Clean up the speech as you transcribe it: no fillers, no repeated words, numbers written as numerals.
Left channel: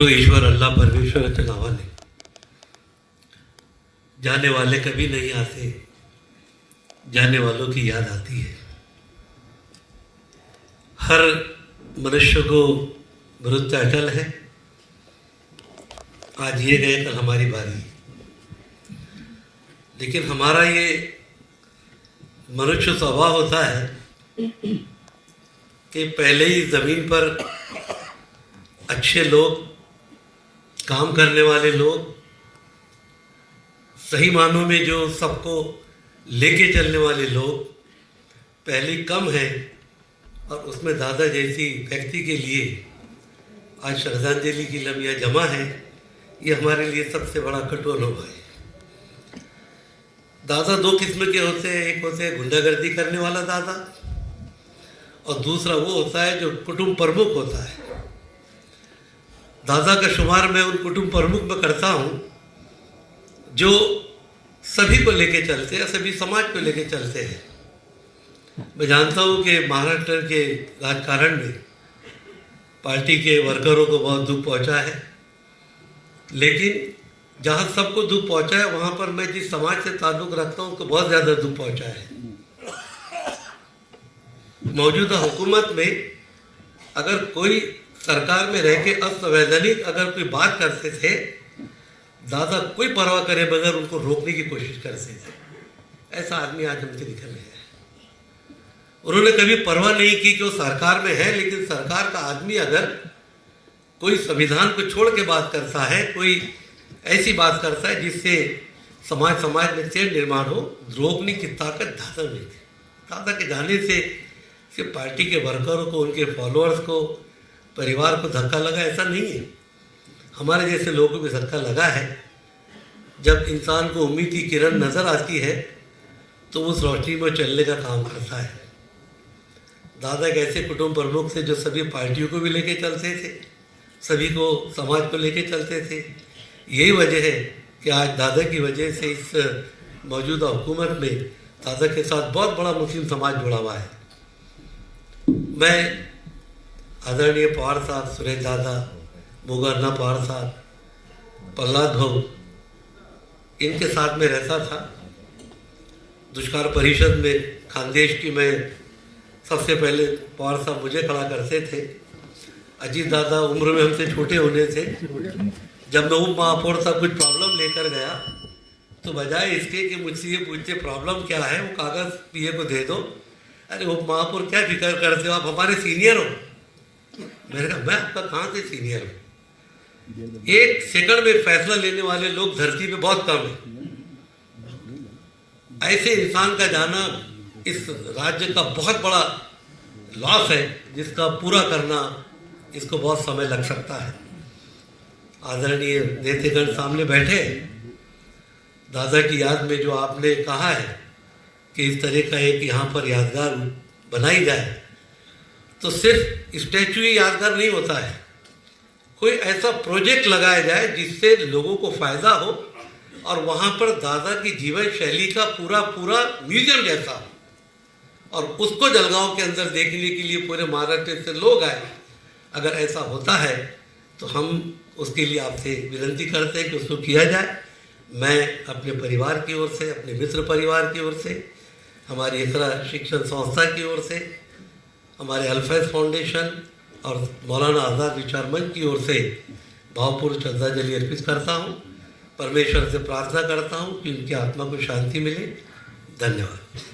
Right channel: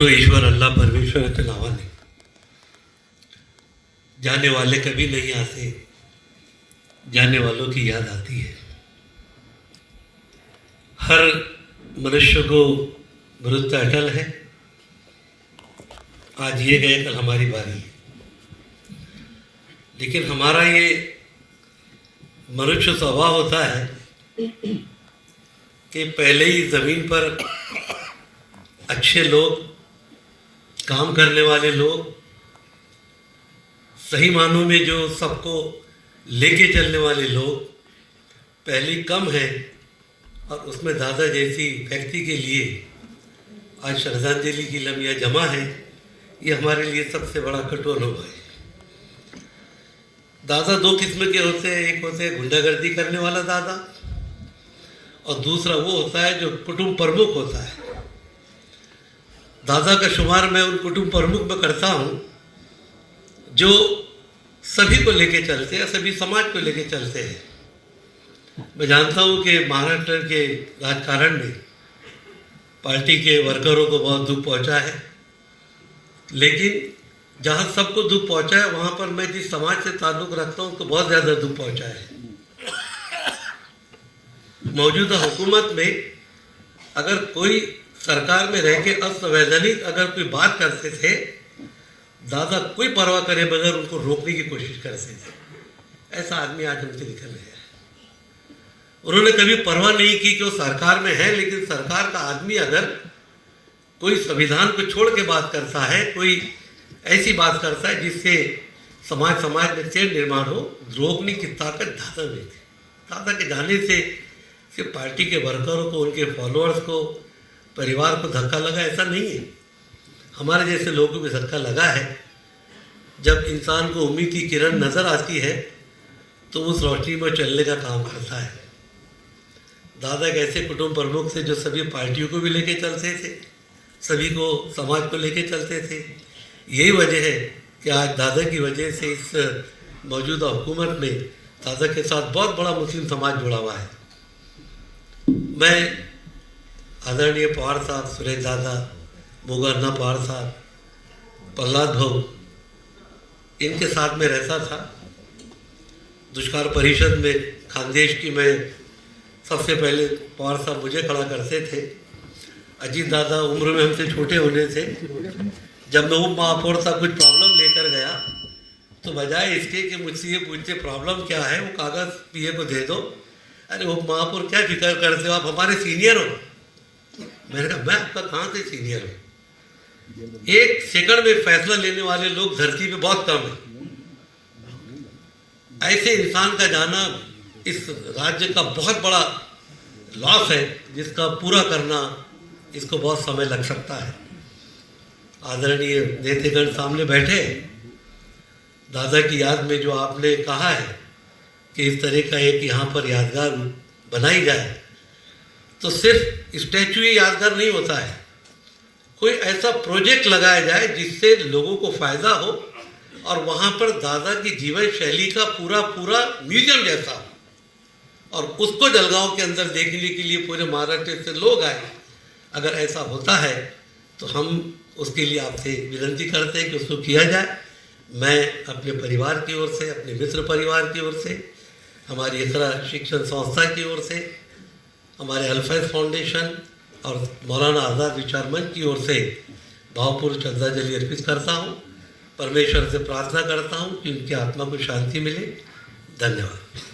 तो ईश्वर अल्लाह परमेश्वर के अलावा नहीं। जाने वाले कभी नहीं आते, जाने वालों की याद आती है। हर मनुष्य को मृत्यु अटल है। आज ये गए, कल हमारी बारी। लेकिन हमारा ये मनुष्य स्वभाव होता है कि पहले ही जमीन पर अच्छे लोग, काम करने वाले लोग, सही मानों में जो सबको लेके चलने वाले लोग पहले कम है। और उसमें दादा जैसी व्यक्ति के लिए आज श्रद्धांजलि की लम्बियाँ जमा है। ये हमारे लिए सबसे बड़ा कठोर अनुभव है। दादा दो किस्म के होते हैं। एक होते हैं गुंडागर्दी करने वाला दादा, और दूसरा वो होता है जो कुटुंब प्रमुख होता है। दादा का शुमार मैं उन कुटुंब प्रमुख में करता हूँ जो सभी को लेके चलते हैं, सभी समाज को लेके चलते हैं। मैं जानता हूँ कि महाराष्ट्र के राजकारण में पार्टी के वर्करों को बहुत दुख पहुँचा है, लेकिन जहाँ सबको दुख पहुँचा है वहाँ पर मैं जिस समाज से ताल्लुक़ रखता हूँ तो बहुत ज़्यादा दुख पहुँचा है। मौजूदा हुकूमत में अगर कोई सरकार में रह के असंवैधानिक अगर कोई बात करते थे, दादा कोई परवाह करे बगैर उनको रोकने की कोशिश करते थे। ऐसा आदमी आज हमसे निकल गया है। उन्होंने कभी परवाह नहीं की कि वो सरकार में है, लेकिन सरकार का आदमी अगर कोई संविधान को छोड़ के बात करता है, कोई ऐसी बात करता है जिससे समाज में चैन निर्माण हो, रोकने की ताकत दादा में थी। दादा के जाने से सिर्फ पार्टी के वर्करों को, उनके फॉलोअर्स को, परिवार को धक्का लगा ऐसा नहीं है। हमारे जैसे लोगों को धक्का लगा है। जब इंसान को उम्मीद की किरण नजर आती है तो उस रोशनी में चलने का काम करता है। दादा एक ऐसे कुटुंब प्रमुख थे जो सभी पार्टियों को भी लेके चलते थे, सभी को, समाज को लेके चलते थे। यही वजह है कि आज दादा की वजह से इस मौजूदा हुकूमत में दादा के साथ बहुत बड़ा मुस्लिम समाज जुड़ा हुआ है। मैं आदरणीय पवार साहब, सुरेश दादा, मोगन्ना पवार साहब, प्रहलाद भाऊ, इनके साथ में रहता था। दुष्कार परिषद में खानदेश की मैं सबसे पहले पवार साहब मुझे खड़ा करते थे। अजीत दादा उम्र में हमसे छोटे होने से जब मैं उप महापौर साहब कुछ प्रॉब्लम लेकर गया तो बजाय इसके कि मुझसे ये पूछते प्रॉब्लम क्या है, वो कागज़ पीए को दे दो। अरे उप महापौर क्या फिक्र करते हो, आप हमारे सीनियर हो। मैंने कहा मैं आपका कहाँ से सीनियर हूँ। एक सेकंड में फैसला लेने वाले लोग धरती पे बहुत कम है। ऐसे इंसान का जाना इस राज्य का बहुत बड़ा लॉस है, जिसका पूरा करना इसको बहुत समय लग सकता है। आदरणीय नेतागण सामने बैठे, दादा की याद में जो आपने कहा है कि इस तरह का एक यहाँ पर यादगार बनाई जाए, तो सिर्फ स्टैचू ही यादगार नहीं होता है। कोई ऐसा प्रोजेक्ट लगाया जाए जिससे लोगों को फायदा हो और वहाँ पर दादा की जीवन शैली का पूरा म्यूजियम जैसा हो, और उसको जलगांव के अंदर देखने के लिए पूरे महाराष्ट्र से लोग आए। अगर ऐसा होता है तो हम उसके लिए आपसे विनती करते हैं कि उसको किया जाए। मैं अपने परिवार की ओर से, अपने मित्र परिवार की ओर से, हमारी इकरा शिक्षण संस्था की ओर से, हमारे अल्फैज फाउंडेशन और मौलाना आज़ाद विचार मंच की ओर से भावपूर्ण श्रद्धांजलि अर्पित करता हूँ। परमेश्वर से प्रार्थना करता हूँ कि उनकी आत्मा को शांति मिले। धन्यवाद।